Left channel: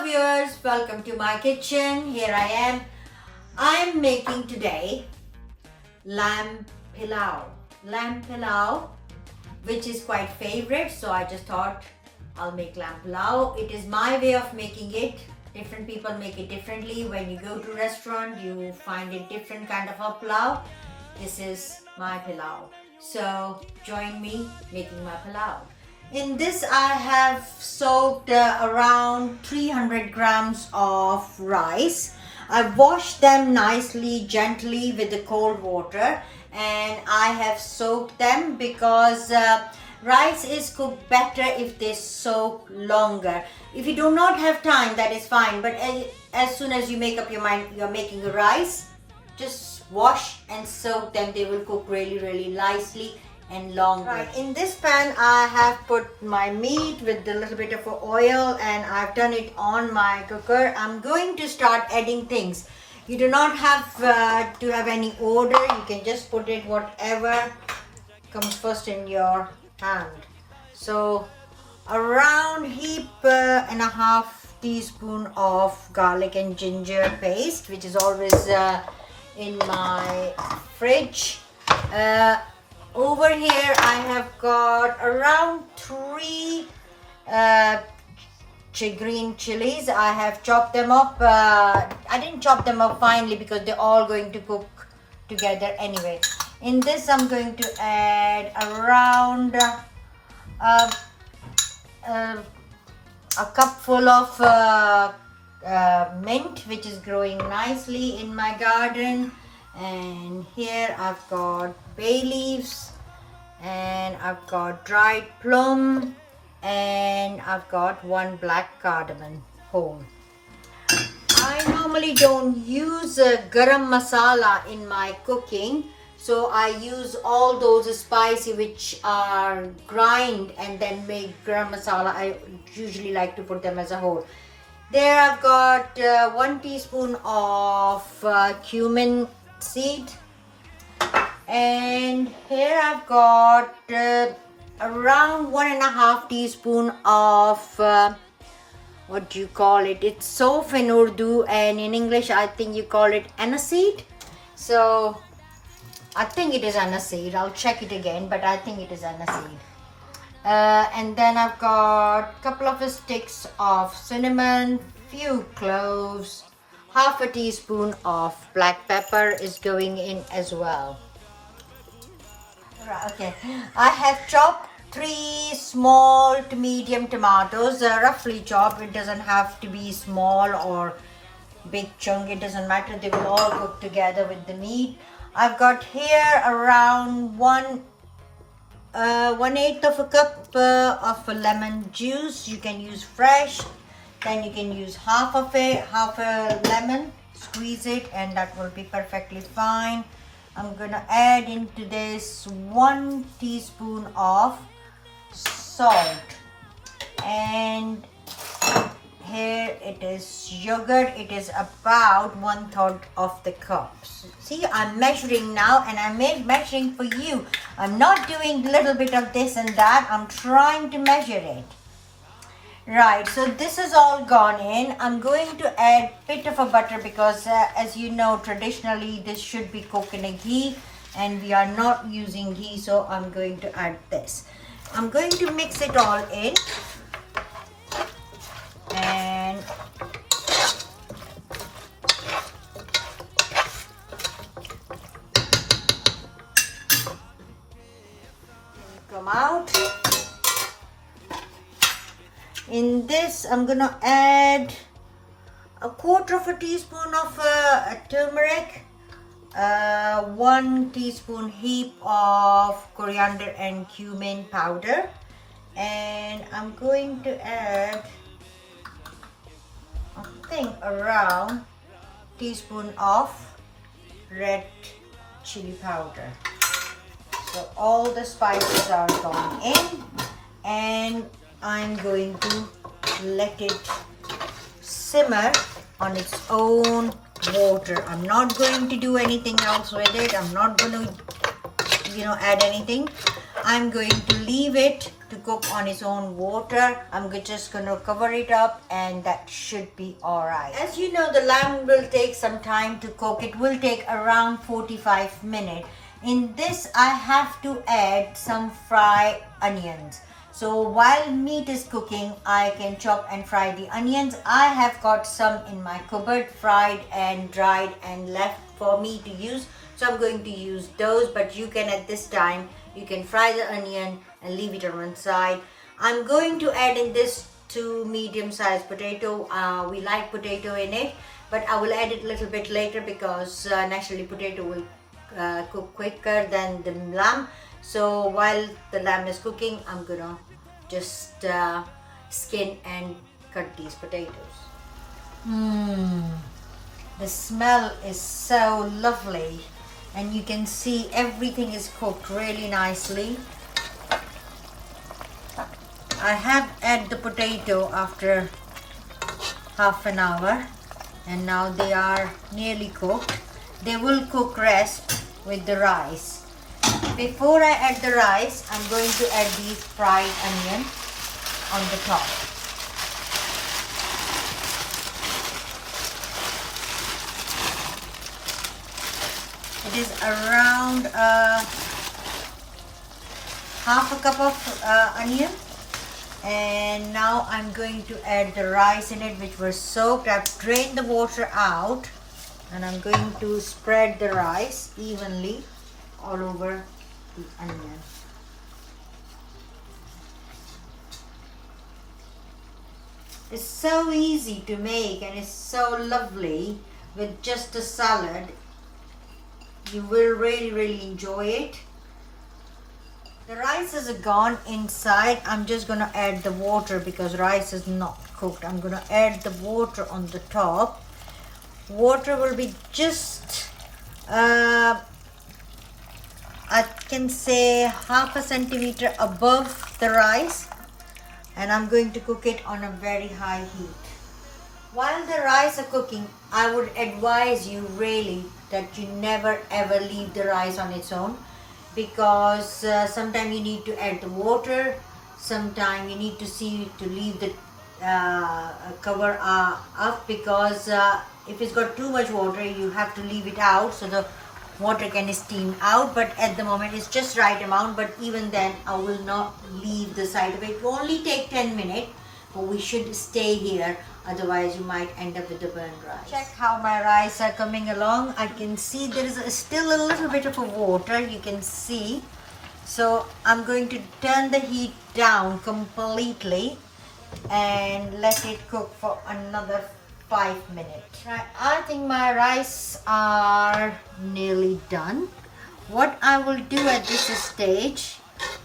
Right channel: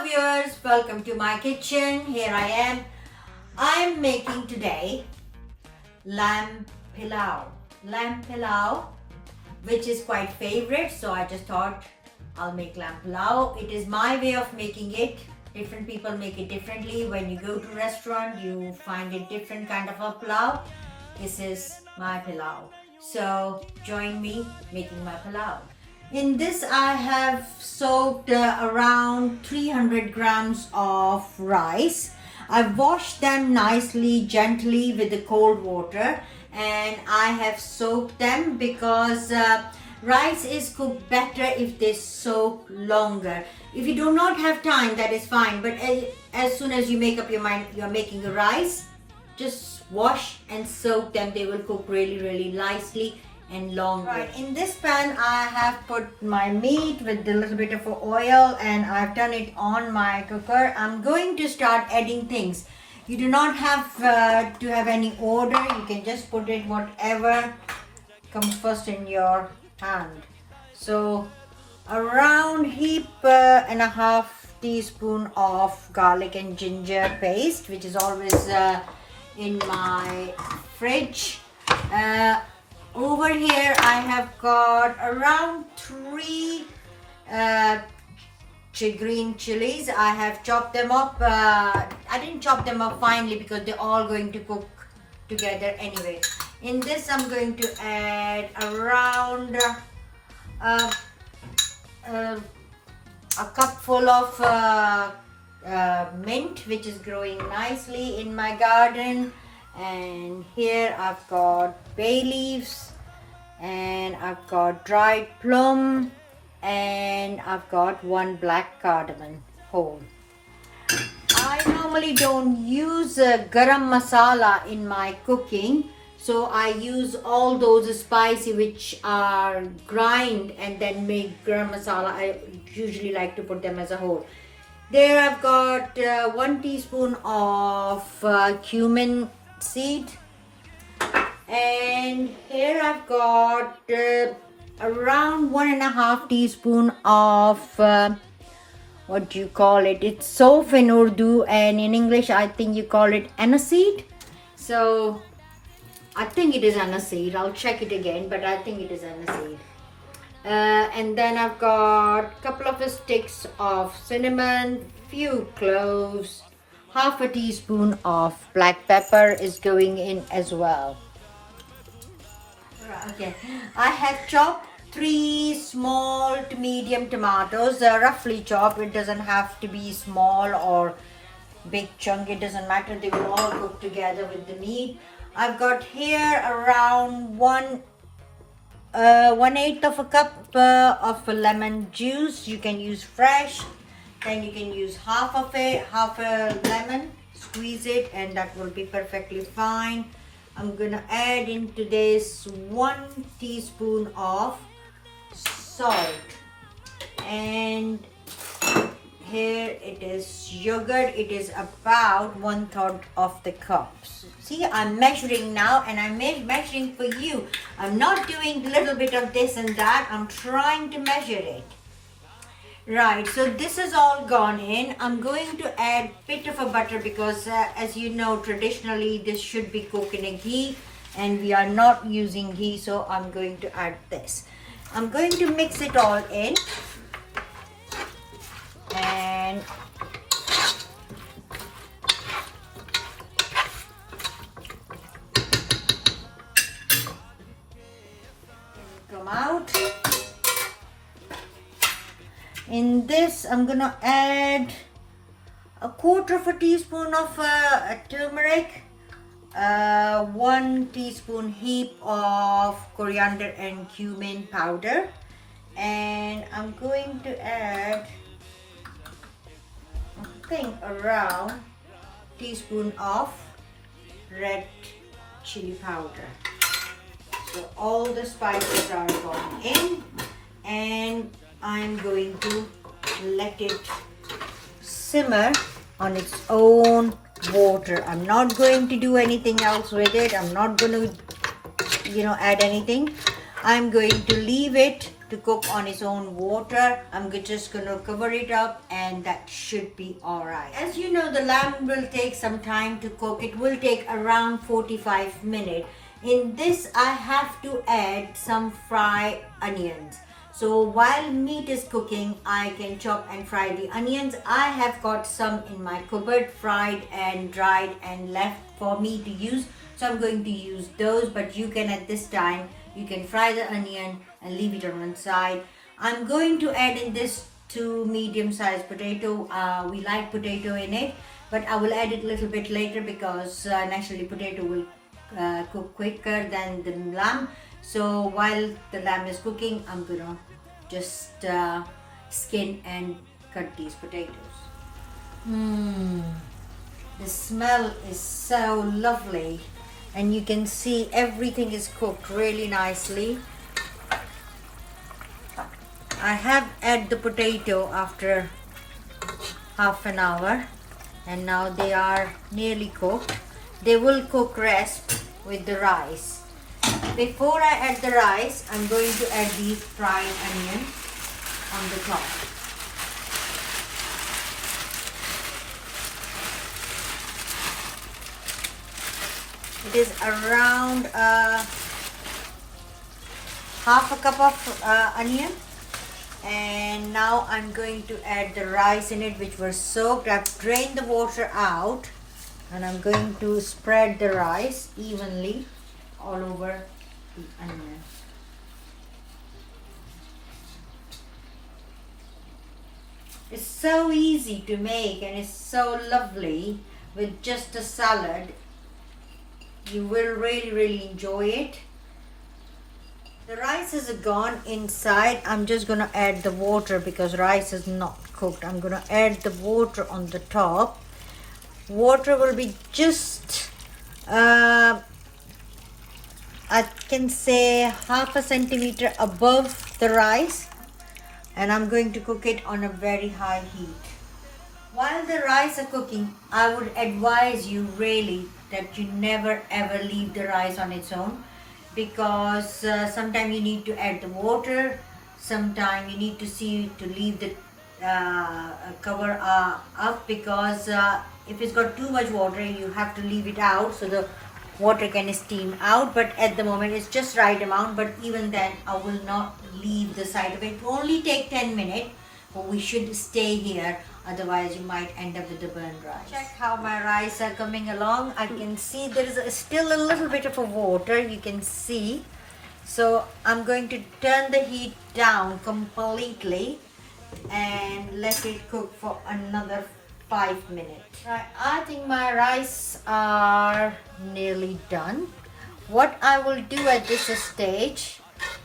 Hello viewers, welcome to my kitchen. Here I am. I'm making today lamb pilao. Lamb pilao, which is quite favorite, so I just thought I'll make lamb pilao. It is my way of making it. Different people make it differently. When you go to restaurant, you find a different kind of a pilao. This is my pilao. So join me making my pilao. In this I have soaked around 300 grams of rice. I've washed them nicely, gently with the cold water, and I have soaked them because rice is cooked better if they soak longer. If you do not have time, that is fine, but as soon as you make up your mind you're making the rice, just wash and soak them. They will cook really nicely and longer. Right, in this pan I have put my meat with a little bit of oil and I've done it on my cooker. I'm going to start adding things. You do not have to have any order. You can just put it whatever comes first in your hand. So around heap and a half teaspoon of garlic and ginger paste, which is always in my fridge. Over here I have got around 3 green chilies. I have chopped them up. I didn't chop them up finely because they're all going to cook together anyway. In this I'm going to add around a cupful of mint, which is growing nicely in my garden. And here I've got bay leaves, and I've got dried plum, and I've got 1 black cardamon whole. I normally don't use garam masala in my cooking, so I use all those spices which are grind and then make garam masala. I usually like to put them as a whole. There I've got 1 teaspoon of cumin seed, and here I've got around 1.5 teaspoon of what do you call it? It's sof in Urdu, and in English I think you call it aniseed. So I think it is aniseed. I'll check it again, but I think it is aniseed. And then I've got a couple of sticks of cinnamon, few cloves, half a teaspoon of black pepper is going in as well. Okay, I have chopped 3 small to medium tomatoes, roughly chopped. It doesn't have to be small or big chunk, it doesn't matter. They will all cook together with the meat. I've got here around 1/8 of a cup of lemon juice. You can use fresh, then you can use half a lemon, squeeze it, and that will be perfectly fine. I'm gonna add into this 1 teaspoon of salt, and here it is yogurt. It is about 1/3 of the cup. See, I'm measuring now, and I'm measuring for you. I'm not doing a little bit of this and that. I'm trying to measure it. Right, so this is all gone in. I'm going to add a bit of a butter because as you know, traditionally this should be cooked in a ghee, and we are not using ghee, so I'm going to add this. I'm going to mix it all in, and come out. In this I'm gonna add 1/4 teaspoon of turmeric, 1 teaspoon heap of coriander and cumin powder, and I'm going to add, I think, around teaspoon of red chili powder. So all the spices are gone in, and I'm going to let it simmer on its own water. I'm not going to do anything else with it. I'm not going to add anything. I'm going to leave it to cook on its own water. I'm just going to cover it up and that should be alright. As you know, the lamb will take some time to cook. It will take around 45 minutes. In this, I have to add some fried onions. So while meat is cooking, I can chop and fry the onions. I have got some in my cupboard, fried and dried and left for me to use. So I'm going to use those, but you can at this time, you can fry the onion and leave it on one side. I'm going to add in this 2 medium-sized potato. We like potato in it, but I will add it a little bit later because naturally potato will cook quicker than the lamb. So while the lamb is cooking, I'm gonna just skin and cut these potatoes. The smell is so lovely, and you can see everything is cooked really nicely. I have added the potato after half an hour, and now they are nearly cooked. They will cook rest with the rice. Before I add the rice, I'm going to add the fried onion on the top. It is around half a cup of onion, and now I'm going to add the rice in it, which was soaked. I've drained the water out, and I'm going to spread the rice evenly all over the onion. It's so easy to make and it's so lovely with just a salad. You will really enjoy it. The rice is gone inside. I'm just going to add the water because rice is not cooked. I'm going to add the water on the top. Water will be just I can say half a centimeter above the rice, and I'm going to cook it on a very high heat. While the rice are cooking, I would advise you really that you never ever leave the rice on its own, because sometimes you need to add the water, sometimes you need to see to leave the cover up, because if it's got too much water you have to leave it out so the water can steam out. But at the moment it's just right amount, but even then I will not leave the side of it. It will only take 10 minutes, but we should stay here, otherwise you might end up with the burnt rice. Check how my rice are coming along. I can see there is still a little bit of a water, you can see. So I'm going to turn the heat down completely and let it cook for another 5 minutes. I think my rice are nearly done. What I will do at this stage,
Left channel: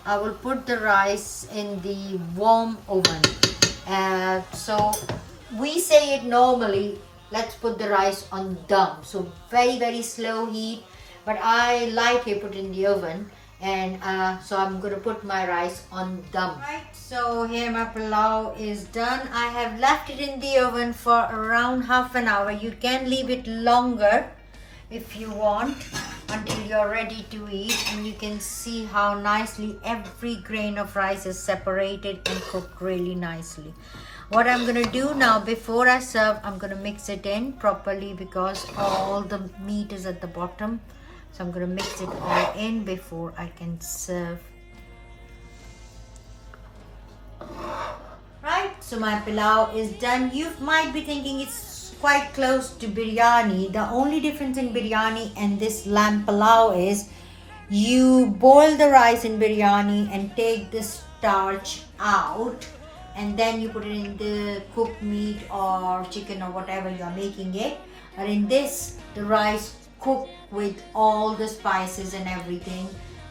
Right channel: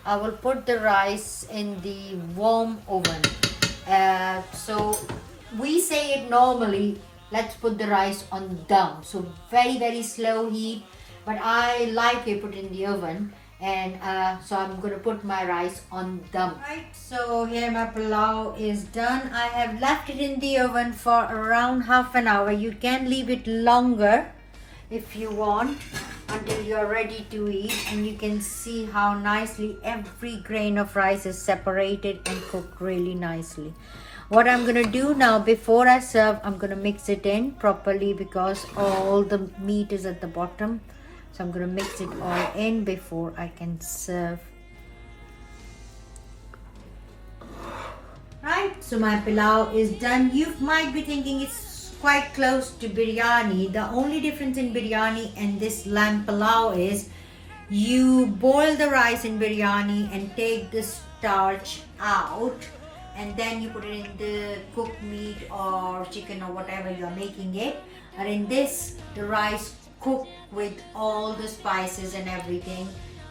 I will put the rice in the warm oven. So we say it normally, let's put the rice on dum, so very slow heat, but I like it put in the oven, and so I'm going to put my rice on dum. Right, so here my pilao is done. I have left it in the oven for around half an hour. You can leave it longer if you want, until you're ready to eat, and you can see how nicely every grain of rice is separated and cooked really nicely. What I'm going to do now, before I serve, I'm going to mix it in properly because all the meat is at the bottom. So I'm going to mix it all in before I can serve. Right, so my pilao is done. You might be thinking it's quite close to biryani. The only difference in biryani and this lamb pilao is you boil the rice in biryani and take the starch out, and then you put it in the cooked meat or chicken or whatever you're making it. But in this, the rice cooked with all the spices and everything,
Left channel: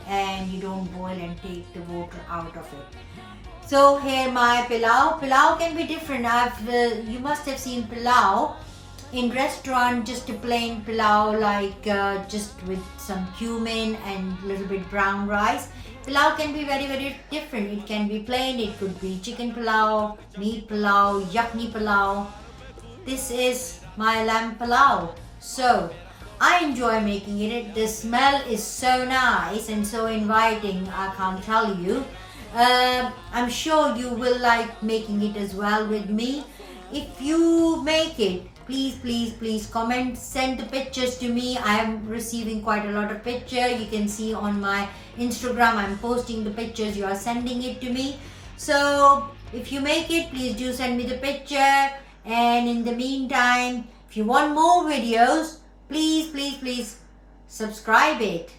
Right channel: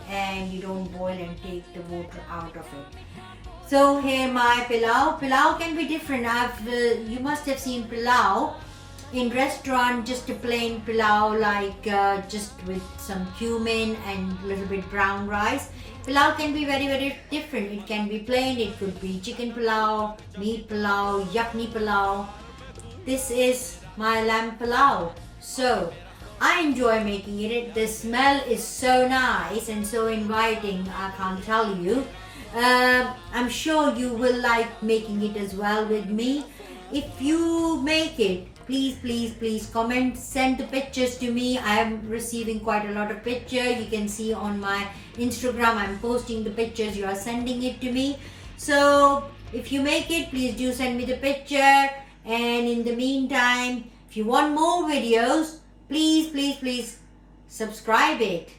and you don't boil and take the water out of it. So here my pilao. Pilao can be different. You must have seen pilao in restaurant, just a plain pilao, like just with some cumin and a little bit brown rice. Pilao can be very different. It can be plain, it could be chicken pilao, meat pilao, yakni pilao. This is my lamb pilao. So I enjoy making it. The smell is so nice and so inviting, I can't tell you. I'm sure you will like making it as well with me. If you make it, please comment, send the pictures to me. I am receiving quite a lot of pictures. You can see on my Instagram I'm posting the pictures, you are sending it to me. So if you make it, please do send me the picture. And in the meantime, if you want more videos, please subscribe it.